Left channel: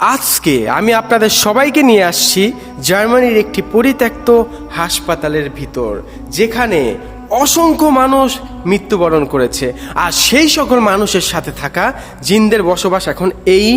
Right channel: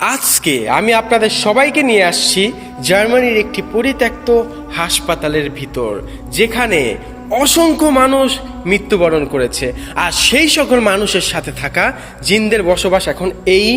আজকে আমি আপনাদের সবাইকে নিয়ে আসছি জার্মানির একটি পরিত্যক্ত হাসপাতালের ভিতর, যেখানে অসংখ্য মানুষ মৃত্যুবরণ করেছে। আর সেই সকল মানুষের সাথে থাকা জিনদের বসবাস এখন এই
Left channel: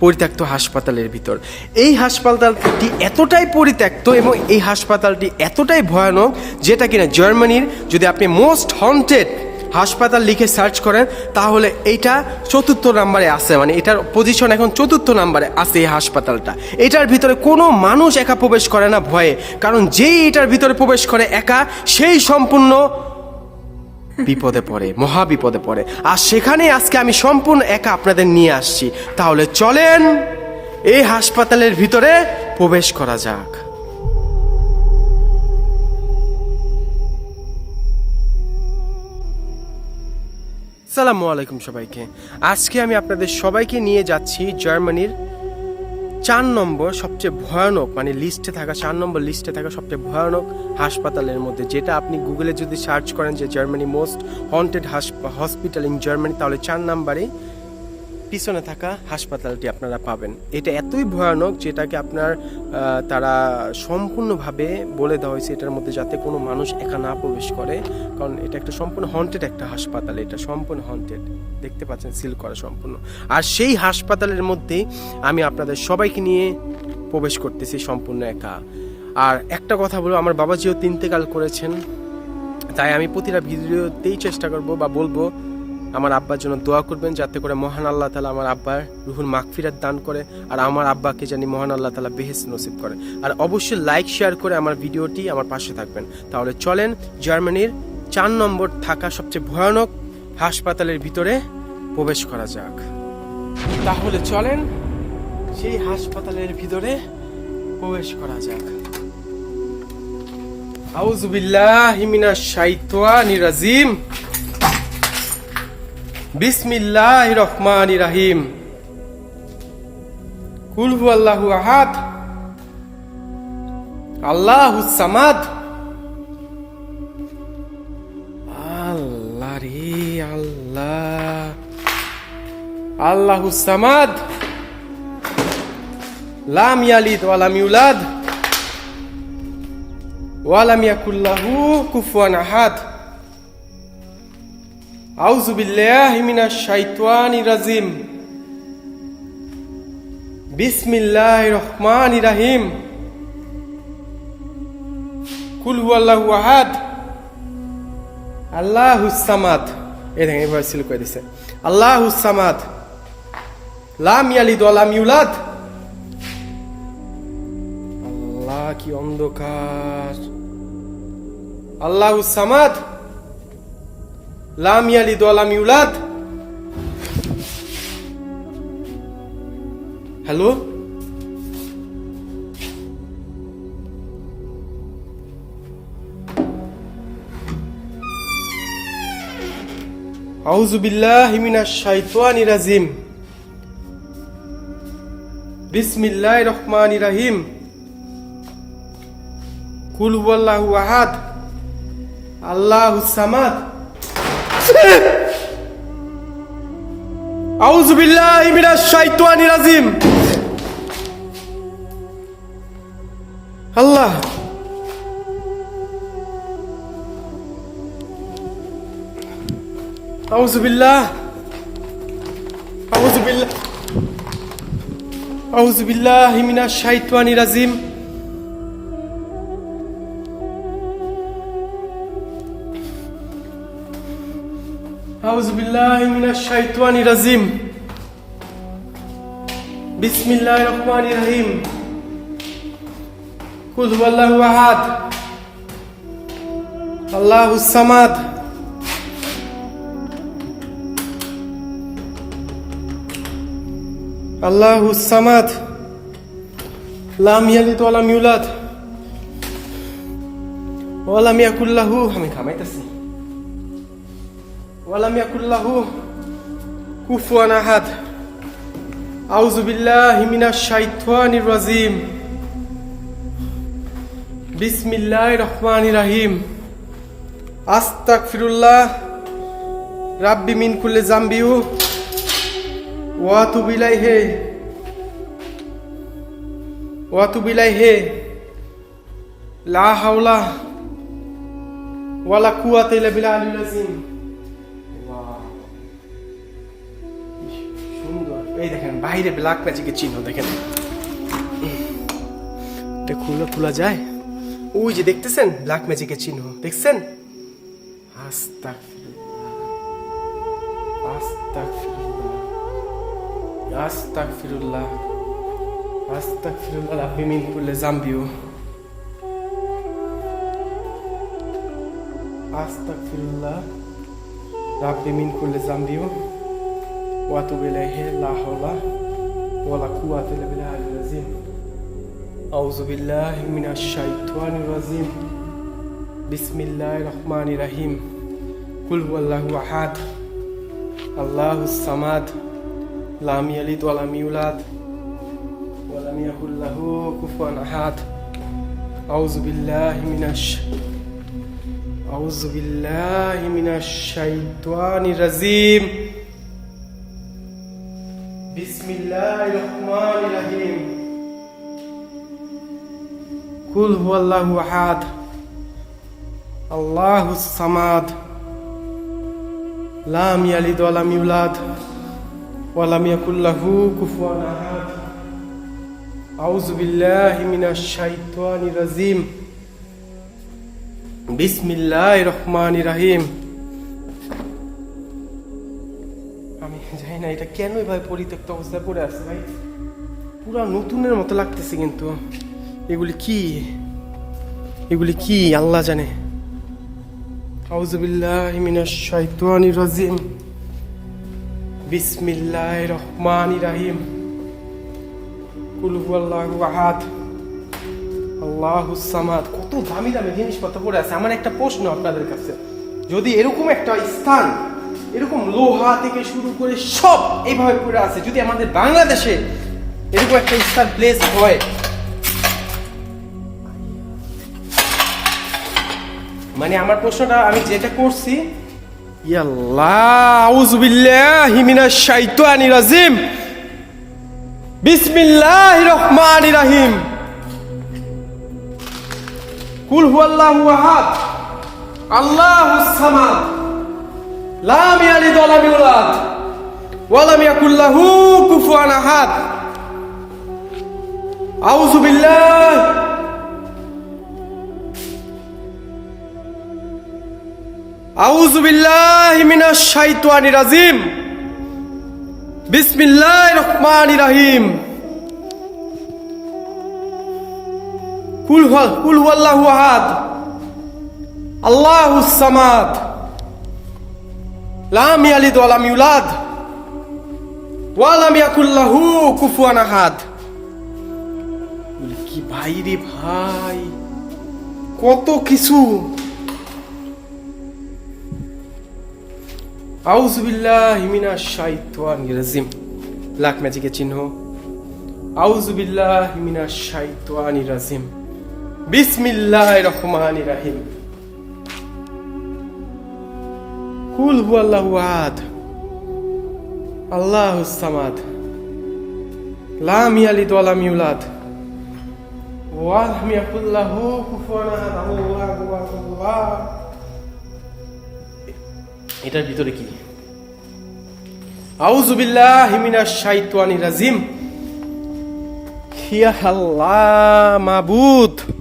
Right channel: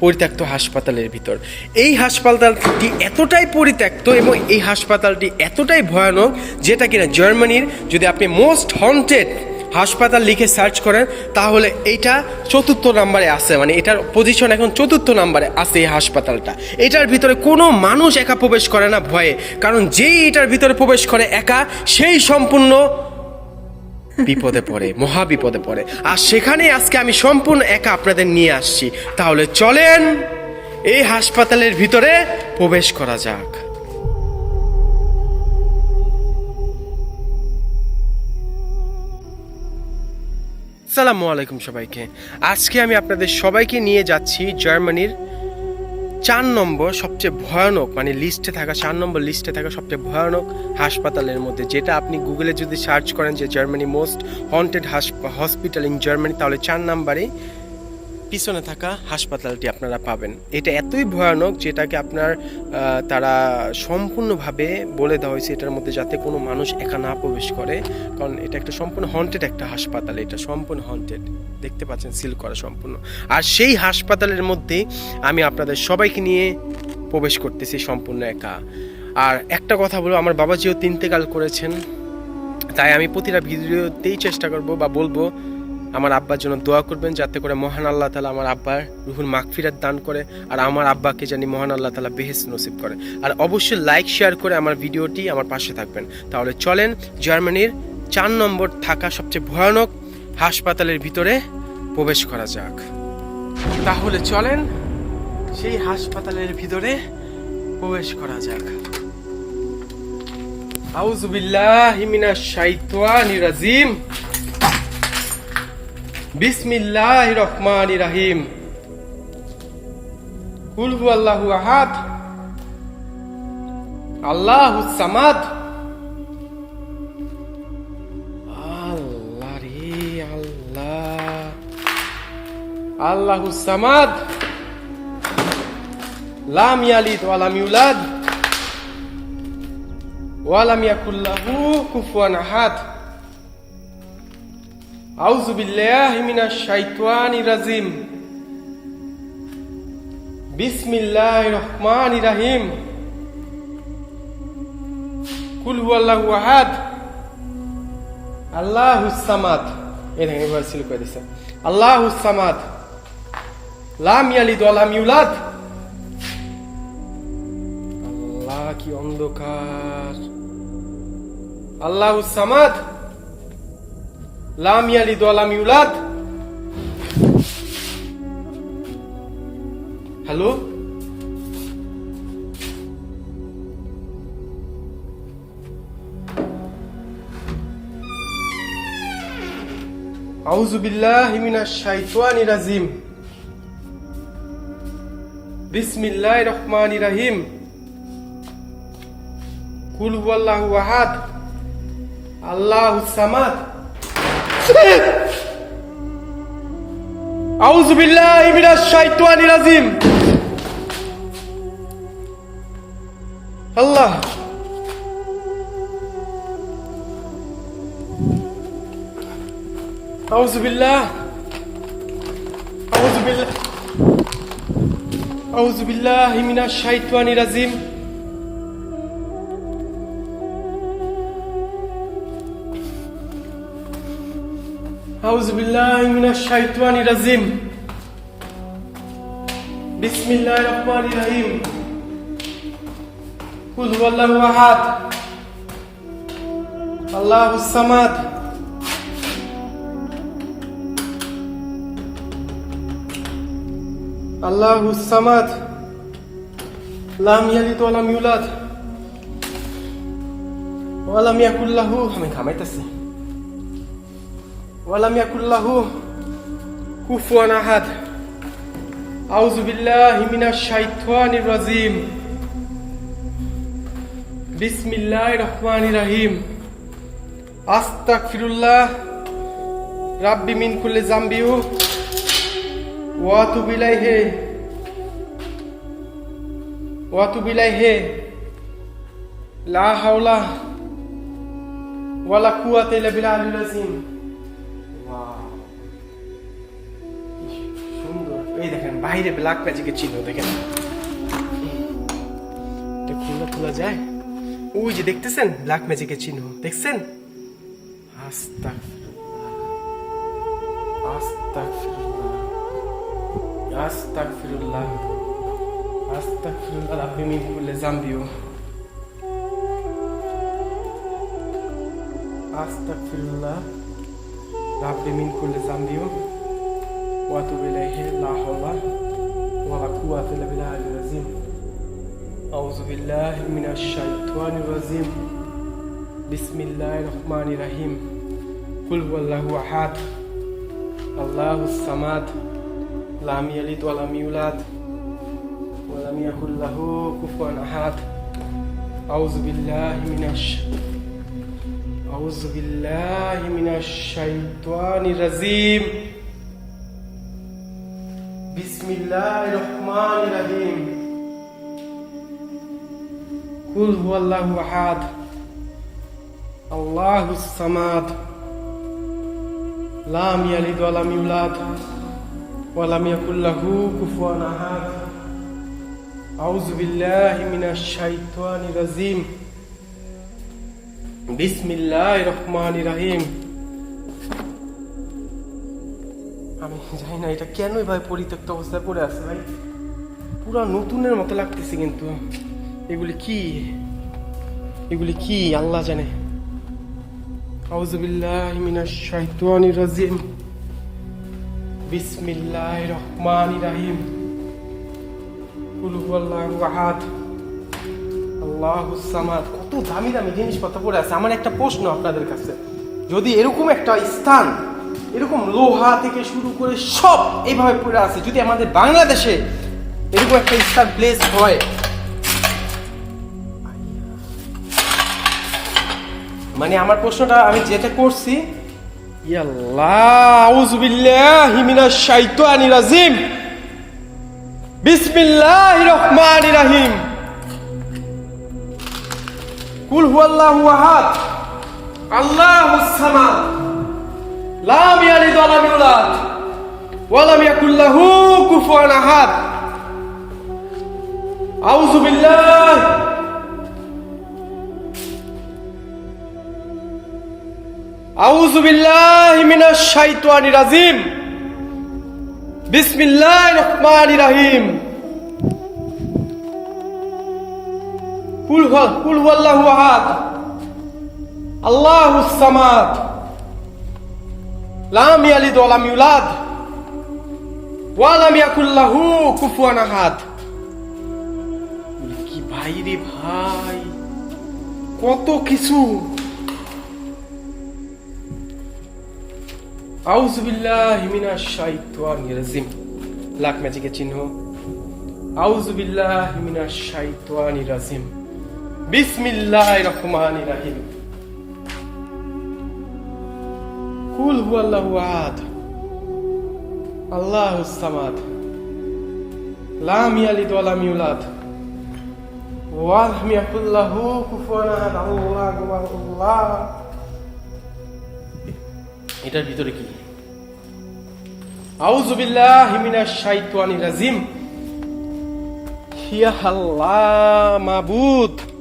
পরিত্যক্ত হাসপাতালের ভিতর। এই হাসপাতালটি এতটাই পরিত্যক্ত এবং এই হাসপাতালটি এতটাই ভয়ানক, যেটা কিনা জার্মানির যদি আপনি মোস্ট হন্টেড হাসপাতাল লিখে সার্চ করেন, তাহলে এইটা চতুর্থ নাম্বারে আছে। মানে এটার পজিশন এখন চতুর্থ নাম্বারে আছে এই হাসপাতালটা। এটার ভিতরে কোনো মানুষ একা প্রবেশ করে না ভয়ে। কারণ যেই এটার ভিতরে প্রবেশ করে একা, সেই সম্পূর্ণ বিপদে পড়ে মহা বিপদে পড়ে। আর সেখানে আজকে আমি সম্পূর্ণ একা আপনাদের নিয়ে আসছি। তাহলে চলেন এই হাসপাতালের ভিতরে প্রবেশ করা যাক। সালামু আলাইকুম সবাইকে। আজকে আমি আপনাদের সবাইকে নিয়ে যাচ্ছি জার্মানির চার নম্বর সবচেয়ে ভয়ানক মানে লিস্টে থাকা চার নম্বর লিস্টে থাকা সবচেয়ে ভয়ানক হাসপাতালের মধ্যে, যেটা আপনি গুগলে যদি সার্চ করেন যে Germany most haunted hospital in Germany তাহলে চার নম্বরে পিছনে থাকা হাসপাতালটি আপনারা পাবেন। এটা এতই ভয়ানক যেটাকে আপনার তারা সম্পূর্ণভাবে বলে দেওয়া হয়েছে এটার মধ্যে যাতে কোনো মানুষ একা না প্রবেশ করে। কারণ এটা একটা সম্পূর্ণ হন্টেড একটা হাসপাতাল, এটা সম্পূর্ণ হন্টেড দেখতে পাচ্ছেন সিল করা সম্পূর্ণ। আর সেই হাসপাতালের মধ্যেই আমি আপনাদের সবাইকে নিয়ে প্রবেশ করতেছি সম্পূর্ণ একা। আর একটা কথা বলব, আমার বাবাজিও তিনতেকাল করেছেন, তাই আমি প্রতিটা ভিডিওতেই চেষ্টা করব বা বলব আমার আব্বার জন্য দোয়া করবেন যাতে করে মহান আল্লাহ তালা আমার আব্বার রুহুর মাগফিরাত দান করে আর আমার আব্বাকে জানি মহান আল্লাহ তালা বেহেস নসিব করে। আর অবশ্যই লাইক শেয়ার করে আমার ভিডিওটি আমার পাশে থাকবেন। তাহলে চলেন জার্মানির চার নম্বর থাকা সবচেয়ে ভয়ানক হাসপাতালের ভিতরে প্রবেশ করা যাক। তাহলে চলেন সেই হাসপাতালের ভিতরে প্রবেশ করা যাক। আউজুবিল্লাহি মিনাশ শাইতানির রাজিম। বিসমিল্লাহ রহমান রাহিম কুল হু আল্লাহু আহাদ আল্লাহু সামাদ আল্লাহ রে আল্লাহ আল্লাহু সামাদ লাম ইয়ালিদ ওয়া লাম ইউলাদ ওয়া লাম ইয়াকুল লাহু কুফুয়ান আহাদ রাজিম। বিসমিল্লাহির রহমানির রহিম। কুল হুয়াল্লাহু আহাদ। আল্লাহুস সামাদ। এই দেখেন এবার সিল করে দিছে। আল্লাহুস সামাদ। লাম ইয়ালিদ লাম ইউলাদ। আল্লাহ কি অন্ধকার। আল্লাহুস সামাদ। লাম ইয়ালিদ ওয়া লাম ইউলাদ হ্যালো আউযু বিল্লাহি মিনাশ শাইতানির রাজিম বিসমিল্লাহির রহমানির রহিম কুল হুয়াল্লাহু আহাদ আল্লাহুস সামাদ আউযু বিল্লাহি মিনাশ শাইতানির রাজিম। আল্লাহ। আউযু বিল্লাহ। আউযু বিল্লাহ। আউযু বিল্লাহি মিনাশ শাইতানির রাজিম। أعوذ بالله من الشيطان الرجيم بسم الله الرحمن الرحيم قل هو الله أحد الله الصمد الله الصمد لم يلد ولم يولد ولم يكن له আমি ঘামাইতেছি ولم يكن له كفوا احد اعوذ بالله من الشيطان الرجيم بسم الله الرحمن الرحيم استغفر الله ربي من كل ذنب واتوب اليه واتوب اليه لا حول ولا قوه الا بالله العظيم বাইরে ব্ল্যাক ম্যাজিকের চিহ্ন দেখেন এটা খুলে খোলা যায়? ওই যে দেখতেছেন ব্ল্যাক ম্যাজিকের চিহ্ন? দেখছেন? আস্তাগফিরুল্লাহ। আস্তাগফিরুল্লাহ। আস্তাগফিরুল্লাহ। আস্তাগফিরুল্লাহ রাব্বি মিন কুল্লি যামবিও। আস্তাগফিরুল্লাহ রাব্বি মিন কুল্লি যামবিও। ওয়া আতুবু ইলাইহি লা হাওলা ওয়ালা কুওয়াতা ইল্লা বিল্লাহিল আযীম আউযু বিল্লাহি মিনাশ শাইতানির রাজীম বিসমিল্লাহির রহমানির রহিম কুল হুয়াল্লাহু আহাদ আল্লাহুস সামাদ লাম ইয়ালিদ ওয়া লাম ইউলাদ ওয়া লাম ইয়াকুল লাহু কুফুয়ান আহাদ আউযু বিল্লাহি মিনাশ আউযু বিল্লাহি মিনাশ শাইতানির রাজীম বিসমিল্লাহির রহমানির রহিম কুল হুয়াল্লাহু আহাদ আল্লাহুস সামাদ লাম ইয়ালিদ ওয়া লাম ইউলাদ ওয়া লাম ইয়াকুল লাহু কুফুয়ান আহাদ আউযু বিল্লাহি মিনাশ শাইতানির রাজীম বিসমিল্লাহির রহমানির রহিম আমি জানি না, এটা কেন ভাই পরিত্যক্ত অবস্থায় পড়ে আছে ভাই? পুরা নতুনের মতো লাগতেছে কিন্তু। এগুলি কি? এগুলি কি? আল্লাহ জানে। আউযু বিল্লাহি মিনাশ শাইতানির রাজিম। বিসমিল্লাহির রহমানির রহিম। কুল হুয়াল্লাহু আহাদ। আল্লাহুস সামাদ। কত দামি দামি জিনিসপত্র পড়ে আছে। আমার একটা প্রশ্ন আপনাদের কাছে। যদি এরকম একটা স্থান এরকম লোহা থেকে শুরু করে সব এইভাবে পড়ে আছে। যদি আমাদের বাংলাদেশে এরকম একটা স্থান প্লেস হয় মানে আমার প্রশ্নটা, আমি যেটা করছি কুল হুয়াল্লাহু আহাদ। লাম ইয়ালিদ ওয়া লাম ইউলাদ ওয়া লাম ইয়াকুল লাহু কুফুয়ান আহাদ। আউযু বিল্লাহ। আউযু বিল্লাহি মিনাশ শাইতানির রাজিম। বিসমিল্লাহির রহমানির রহিম। কুল কুল হুয়াল্লাহু আহাদ। আল্লাহুস সামাদ। লাম ইয়ালিদ ওয়া লাম ইউলাদ ওয়া লাম ইয়াকুল লাহু কুফুয়ান আহাদ কি ভাই রে ভাই? কত কিছু। আউযু বিল্লাহি মিনাশ শাইতানির রাজিম। ব্ল্যাক ম্যাজিকের চিহ্ন। আউযু বিল্লাহি মিনাশ শাইতানির রাজিম। বিসমিল্লাহির রহমানির রহিম। কুল হুয়াল্লাহু আহাদ। আল্লাহুস সামাদ। লাম ইয়ালিদ ওয়া লাম ইউলাদ ওয়া লাম ইয়াকুল লাহু কুফুয়ান আহাদ আল্লাহু আল্লাহ। এটার ভিতরে কি? আউযু বিল্লাহি মিনাশ শাইতানির রাজিম। ইয়া আল্লাহ মাবুদ।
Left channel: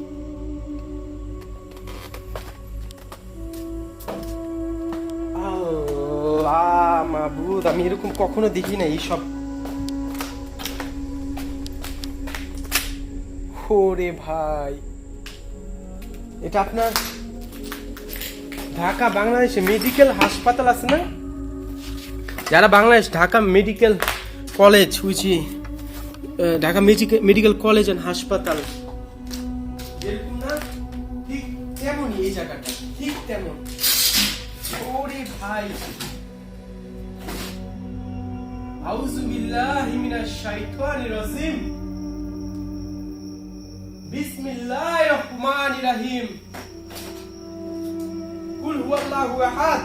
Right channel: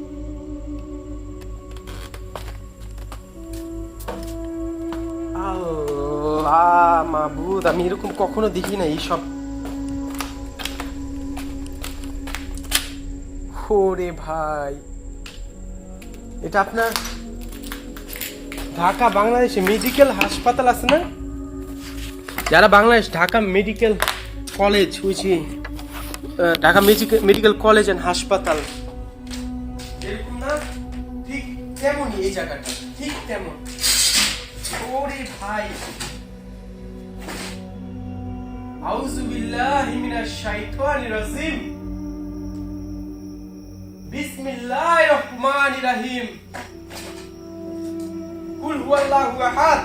মাবুদ আমি এরকম কখনো দেখি না এইসব ওরে ভাই। এটা আপনার ঢাকা বাংলাদেশে মেডিকেল হাসপাতাল আছে না? যারা বাংলাদেশ, ঢাকা মেডিকেল কলেজ বুঝি Dhaka medical medical college and হাসপাতাল। এরকম না, ঠিক তেমনই এই জায়গাটা, ঠিক তেমন। ওরে ভাই। আউযু বিল্লাহি মিনাশ শাইতানির রাজিম। বিসমিল্লাহির রহমানির রহিম। কুল হুয়াল্লাহু আহাদ।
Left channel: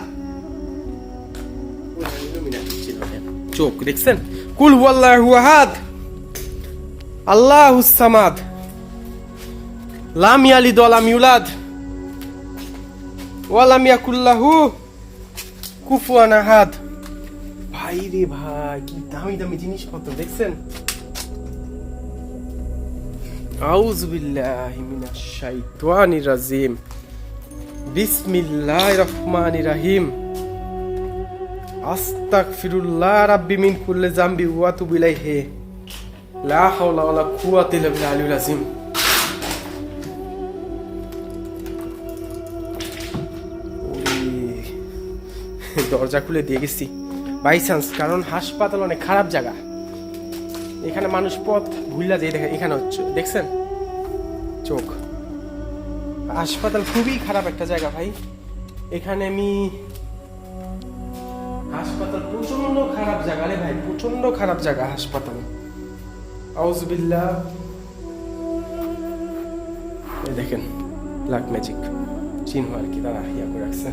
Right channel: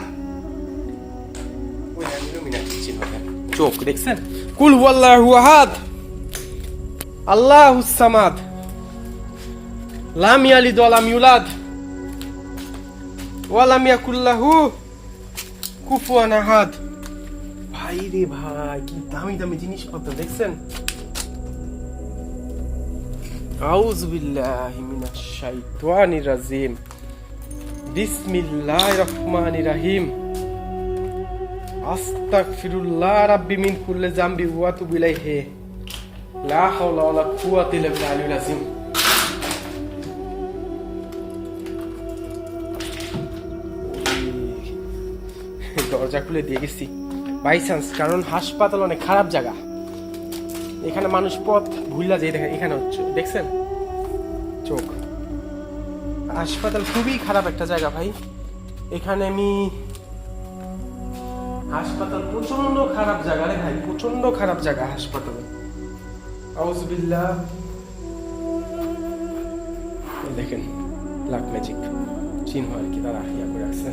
চোখ দেখছেন? কুল হুয়াল্লাহু আহাদ। আল্লাহুস সামাদ। লাম ইয়ালিদ ওয়ালাম ইউলাদ। ওয়ালাম ইয়াকুল্লাহু কুফুয়ান আহাদ। ভাই রে ভাই, কি দামি দামি জিনিসপত্র, দেখছেন? আউযু বিল্লাহি মিনাশ শাইতানির রাজিম। বিসমিল্লাহির রহমানির রহিম। আস্তাগফিরুল্লাহ রাব্বি মিন কুল্লি জামবি ওয়া আতুবু ইলাইহি। লা হাওলা ওয়ালা কুওয়াতা ইল্লা বিল্লাহিল আযীম। দরজা খুলে দিয়ে গেছি। বাই চান্স কারণ হাসপাতাল অনেক খারাপ জায়গা। এখানে মানুষ পথ ভুললা যায় দেখেন এখানে হচ্ছে, দেখছেন? চোখ। হাসপাতাল খুবই খারাপ একটা জায়গা ভাই। এখানে আমি, হাসপাতাল প্রচণ্ড খারাপ জায়গা রে ভাই প্রচণ্ড খারাপ জায়গা হাসপাতাল। আউজবিল্লাহ এই দেখেন ব্ল্যাক ম্যাজিক চিহ্ন আর কি করে রাখছে।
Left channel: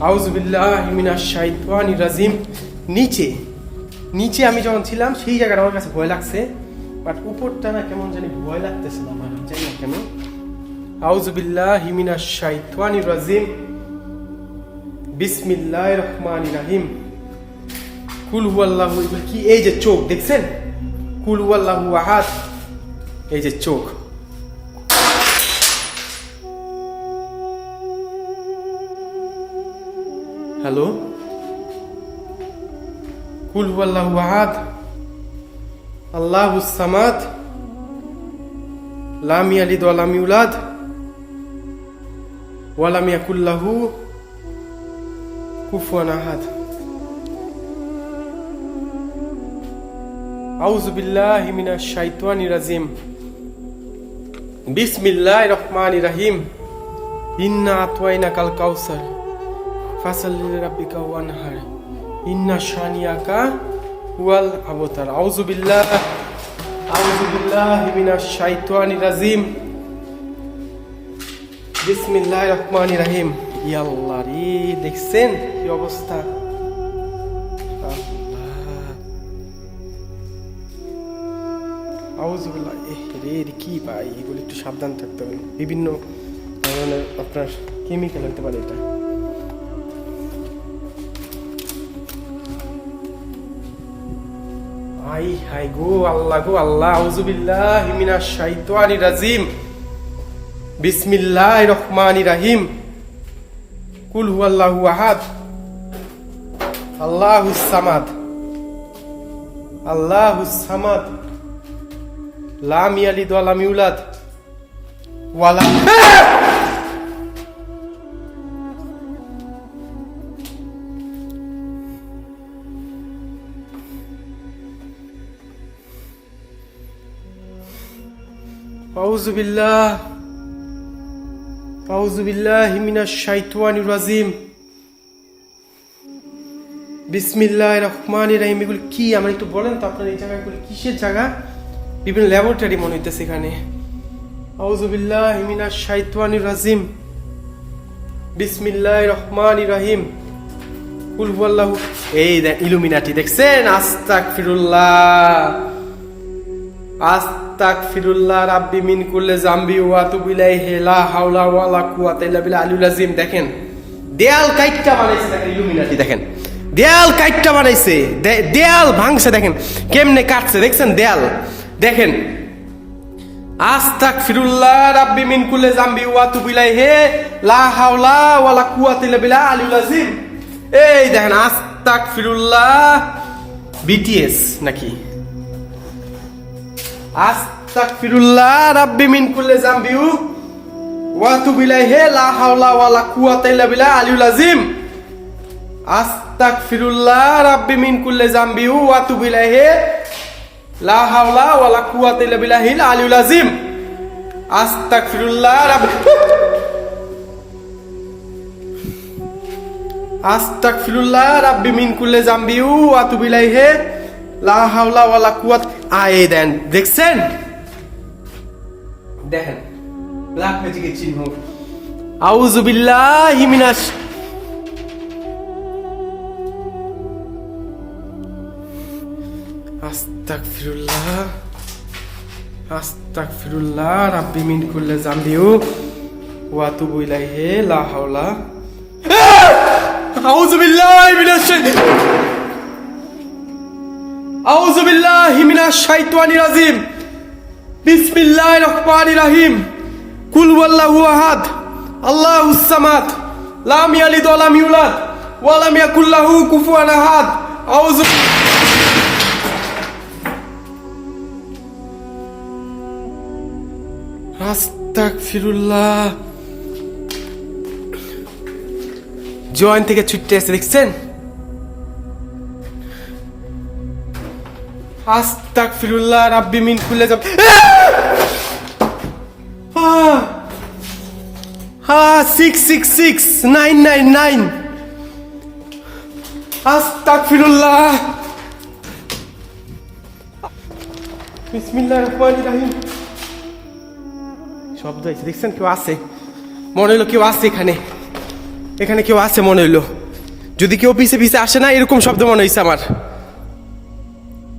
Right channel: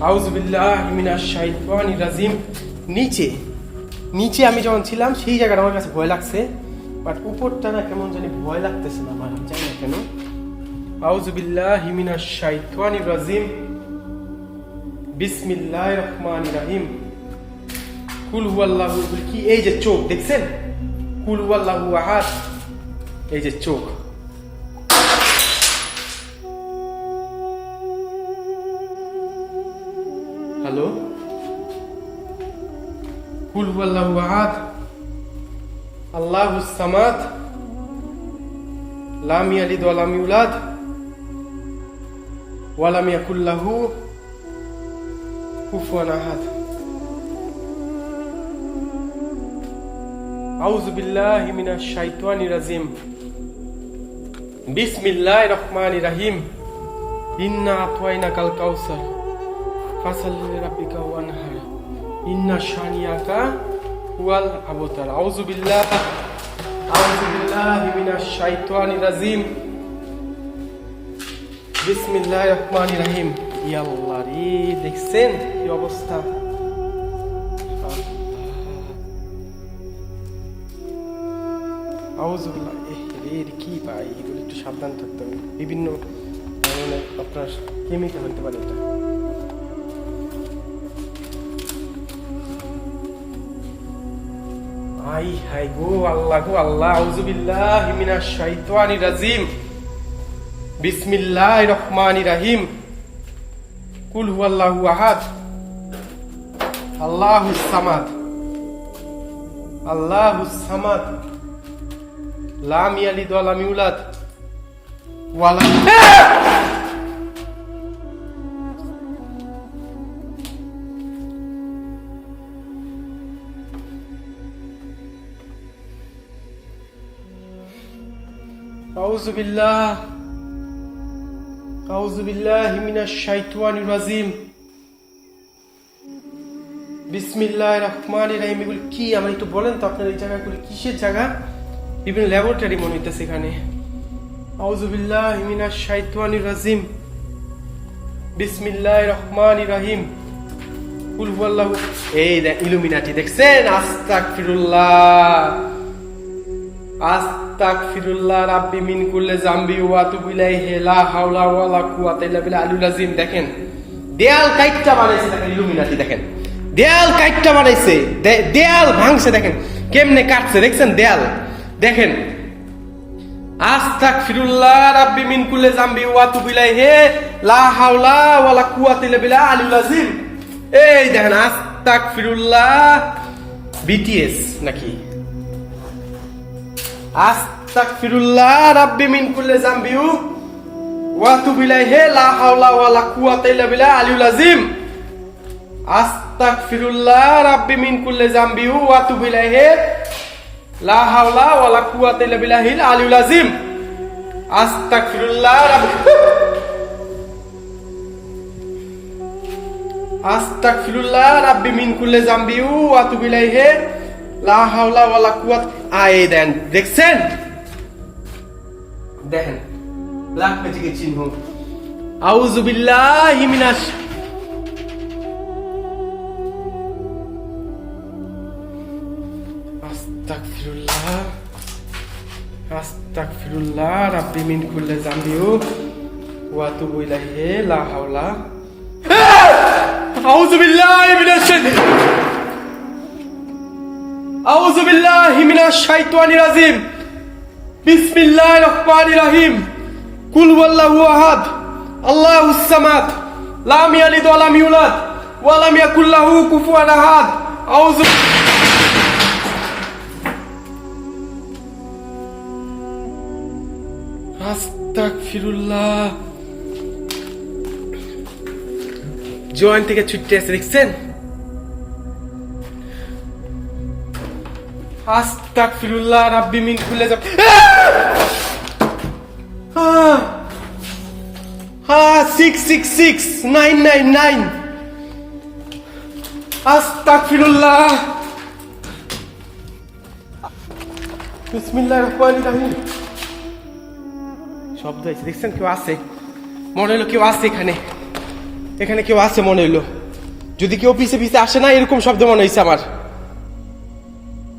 আউজবিল্লাহ মিনাশ শাইতানির রাজিম। নিচে নিচে আমি যখন ছিলাম, সেই জায়গাটা আমার কাছে ভয় লাগছে বাট উপরটা না কেমন জানি ভয় লাগতেছে না আমার, জানি না কেন। আউজবিল্লাহ মিনাশ শাইতানির রাজিম। বিসমিল্লাহির রহমানির রহিম। কুল হুয়াল্লাহু, কি, এই যে চোখ, দেখছেন? কুল হুয়াল্লাহু আহাদ। এই যে চোখ। হ্যালো? কুল হুয়াল্লাহু আহাদ আল্লাহুস সামাদ লাম ইয়ালিদ ওয়া লাম ইউলাদ ওয়া লাম ইয়াকুল লাহু কুফুয়ান আহাদ আউযু বিল্লাহি মিনাশ শাইতানির রাজিম বিসমিল্লাহির রহমানির রহিম ইন্না আতওয়াইনাকাল কাউসার ফাসাল্লি লিরাব্বিকা ওয়ানহার ইন্না মিনাশ রাজিম। রহিম। দেখছেন কি অবস্থা? রে কি ভাই? এগুলো একটু সাবধান থাকতে হবে। বিভিন্ন ধরনের আপনার কেমিক্যাল হতে পারে এটা। আই হাই গো আল্লাহ গো আল্লাহ আউজুবিল্লাহ মিনাশ শাইতানির রাজিম। বিসমিল্লাহির রহমানির রহিম। কুল হুয়াল্লাহু আহাদ। আল্লাহুস সামাদ। আল্লাহুস সামাদ। লাম ইয়ালিদ ওয়া লাম ইউলাদ। ওয়া أعوذ بالله أعوذ بالله من الشيطان الرجيم বিসমিল্লাহ রহমান রাহিম এগুলো কি আমার একটু বলেন তো আপনার এই জায়গাগুলো কিসের জায়গা বিভিন্ন ল্যাবরেটরি মনে হইতেছে এখানে আউজুবিল্লাহ মিনাশ শাইতানির রাজিম বিসমিল্লাহ রহমান রাহিম কুল হুয়াল্লাহু এই দেখ ইলুমিনাটি দেখছেন আস্তাগফিরুল্লাহ আস্তাগফিরুল্লাহ রাব্বি মিন কুল্লি জামবি ওয়া আতুবু ইলাইহি হাওলা ওয়ালা কুওয়াতা ইল্লা বিল্লাহ আলিউল আযীম। দেখেন, দেয়াল কাইটটা বানাইছে, দেখেন ইলুমিনাটি দেখেন। দেয়াল কাইটটা বানাইছে দেয়াল ভাঙছে, দেখেন, কেমনে কাটছে, দেখছেন, দেয়াল। দেখেন আস্তাগফিরুল্লাহ রাব্বি মিন কুল্লি জামবি ওয়া আতুবু ইলাইহি লা হাওলা ওয়ালা কুওয়াতা ইল্লা বিল্লাহ আলিউল আযীম। এই দেখেন আস্তাগফিরুল্লাহ বিটিএস নাকি? আস্তাগফিরুল্লাহ রাব্বি মিন কুল্লি জামবি ওয়া আতুবু ইলাইহি, লা হাওলা ওয়ালা কুওয়াতা ইল্লা বিল্লাহ আলিউল আযীম। আস্তাগফিরুল্লাহ রাব্বি মিন কুল্লি জামবি ওয়া আতুবু ইলাইহি, লা হাওলা ওয়ালা কুওয়াতা ইল্লা বিল্লাহিল আলিউল আযীম। আস্তাগফিরুল্লাহ রাব্বি আস্তাগফিরুল্লাহ রাব্বি মিন কুল্লি জামবি ওয়া আতুবু ইলাইহি। লা হাওলা ওয়ালা কুওয়াত আই দেন। দেখছেন? দেখেন ব্ল্যাক ম্যাজিকের চিহ্ন? আউযু বিল্লাহি মিনাশ আস্তাগফিরুল্লাহ আস্তাগফিরুল্লাহ রাব্বি মিন কুল্লি জামবিউ ওয়া আতুবু ইলাইহি লা হাওলা আউযু বিল্লাহি মিনাশ শাইতানির কুল ওয়াল্লাহু আহাদ। আল্লাহুস সামাদ। লাম ইয়ালিদ ওয়া লাম ইউলাদ। ওয়া লাম ইয়াকুল লাহু কুফুয়ান আহাদ। আউযু আস্তাগফিরুল্লাহ। জয়েন থেকে ছুটতে আসছে দেখছেন? আস্তাগফিরুল্লাহ, রাব্বি মিন কুল্লি জাম হ্যাঁ six six six nine nine nine দেখছেন কেউ আছে? মনে হইল কেউ আছে এখানে। এখানে কেউ আছে মনে হইল। যদি কেউ পিছে পিছে আসে না, এরকম শব্দ মনে হয়েছে আমার।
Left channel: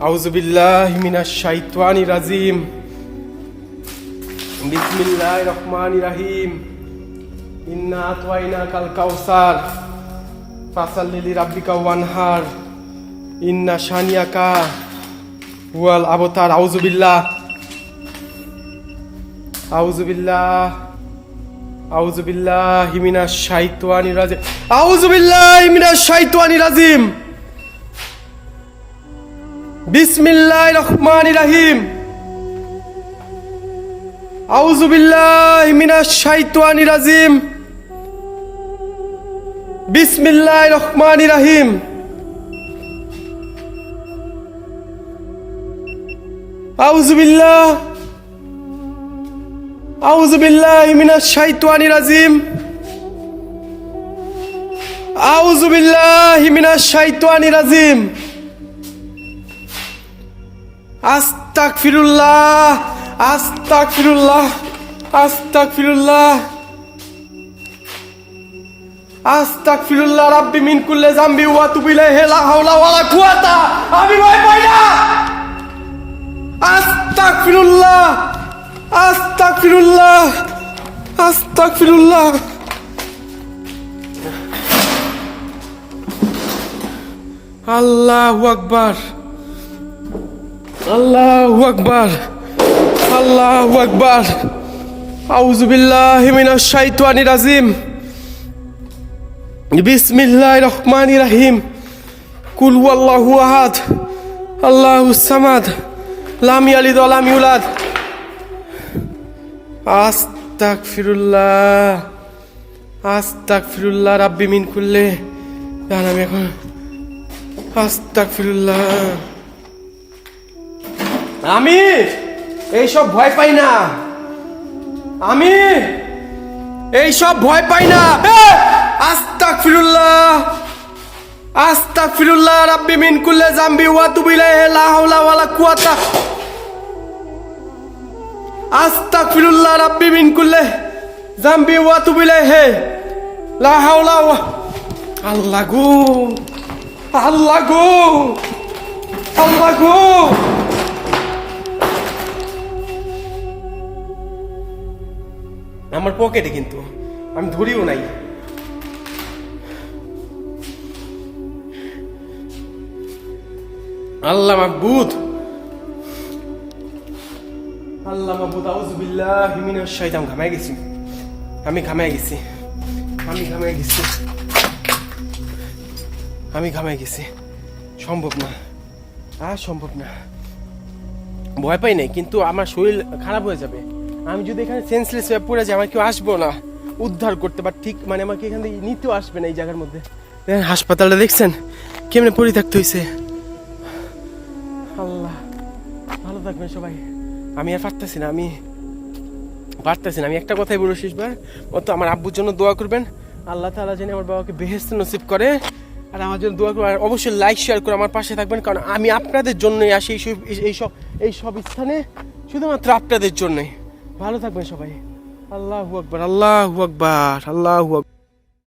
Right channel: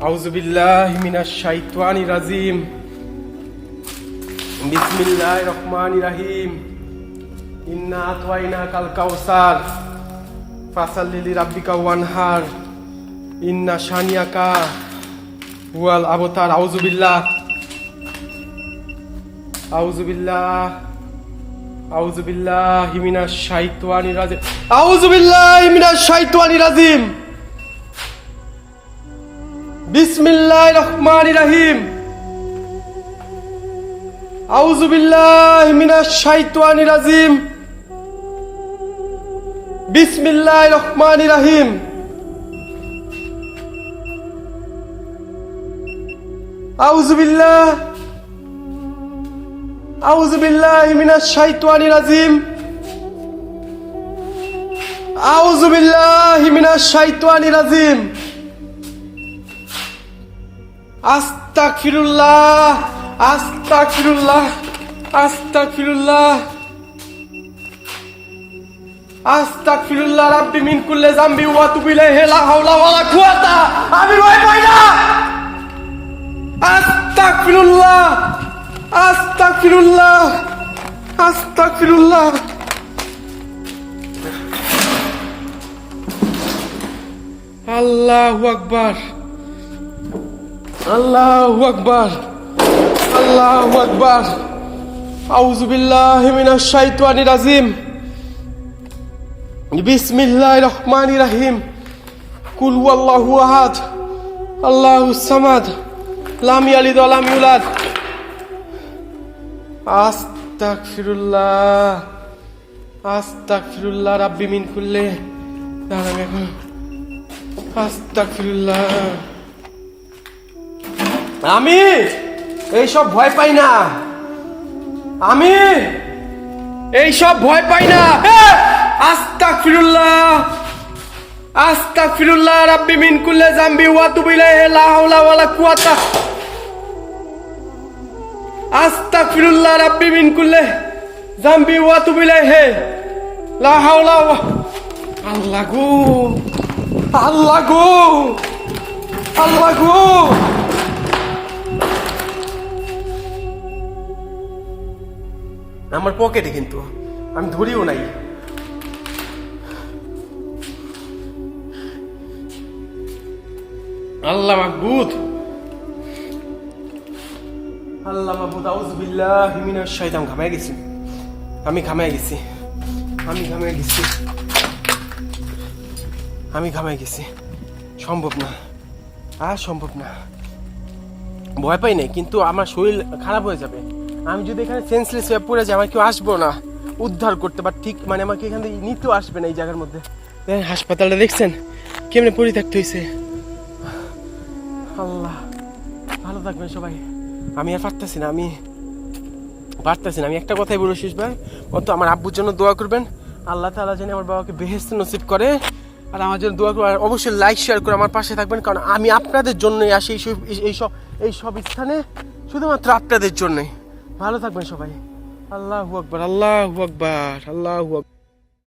আহাদ আউযু বিল্লাহি মিনাশ শাইতানির রাজিম। বিসমিল্লাহির রহমানির রহিম। ইন্না আতওয়াইনাকাল কাউসার। ফাসাল্লি লিরাব্বিকা ওয়ানহার। ইন্না শানিয়াকা হুয়াল আবতার। আউযু বিল্লাহ। আউযু বিল্লাহ। আউযু বিল্লাহি মিনাশ শাইতানির রাজিম। আউযু বিল্লাহি মিনাশ রাজিম। বিসমিল্লাহির রহমানির রহিম আউযু বিল্লাহি মিনাশ শাইতানির রাজিম বিসমিল্লাহির রহমানির রহিম আউযু বিল্লাহ আউযু বিল্লাহি মিনাশ শাইতানির রাজিম আউযু বিল্লাহি মিনাশ শাইতানির রাজিম আস্তাগফিরুল্লাহ আস্তাগফিরুল্লাহ আস্তাগফিরুল্লাহ। আস্তাগফিরুল্লাহ রাব্বি মিন কুল্লি জামবি ওয়া তুবু ইলাইহি, লা হাওলা ওয়ালা কুওয়াতা। আমি ভয় পাই না। আস্তাগফিরুল্লাহ আস্তাগফিরুল্লাহ আস্তাগফিরুল্লাহ। আল্লাহু আকবার। আল্লাহু আকবার আল্লাহু আকবার। আউযু বিল্লাহি মিনাশ শাইতানির রাজিম। বিসমিল্লাহির রহমানির রহিম। কুল হুয়াল্লাহু আহাদ আল্লাহুস সামাদ, লাম ইয়ালিদ লাম ইউলাদ। আস্তাগফিরুল্লাহ আস্তাগফিরুল্লাহ রাব্বি মিন কুল্লি। দাঁড়ান এখন আস্তাগফিরুল্লাহ। আমি এইসব ভয় পাই না। আমি এইসব ভয় পাই না। আস্তাগফিরুল্লাহ আস্তাগফিরুল্লাহ রাব্বি মিন কুল্লি জামবি ওয়া তুবু ইলাইহি লা হাওলা ওয়ালা কুওয়াতা। আস্তাগফিরুল্লাহ রাব্বি মিন কুল্লি জামবি ওয়া তুবু ইলাইহি লা হাওলা ওয়া আল্লাহ গো আল্লাহ গো আল্লাহ গো। আমার পকেটে কিন্তু। আমি ধরিও নাই। আল্লাহ মাহবুদ। আল্লাহ মাহবুদ, আউযু বিল্লাহি মিনাশ শাইতান ঘামায় গেছি। আমি ঘামায় গেছি। আমি ঘামায় গেছি। আমি ঘামায় গেছি। সম্ভব না। আর সম্ভব না। ভয় পাই নাই, কিন্তু আমার শরীর খারাপ হয়ে যাবে। আমি যদি এখানে সেন্সলেস হয়ে পড়ে যাই আমার কেউ আসব না। উদ্ধার করতে বা ঠিক মানে আমাকে এখান থেকে নিতেও আসবে না এই জায়গার মধ্যে। হাসপাতালটা দেখছেন? কেমনে পড়ে থাকতে হয়েছে আল্লাহ ভালো থাকবেন সবাই। আমি আর পারতেছি না আমি পারতেছি না। আমি একটা কথাই বলব শেষবার মতো আমার আব্বুর জন্য দোয়া করবেন। আল্লাহ তাআলা যেন আমার বাবাকে বেহেস্ত নসিব করে আর আমার জন্য দোয়া করবেন। আর অবশ্যই লাইক শেয়ার করে আমার পাশে থাকবেন কারণ আমি আপনাদের জন্যই আসি এই সব এই সব এই সব স্থানে শুধুমাত্র আপনাদের জন্যই। ভালো থাকবেন সবাই। আল্লাহু আকবার আল্লাহু আকবার আল্লাহ আকবার।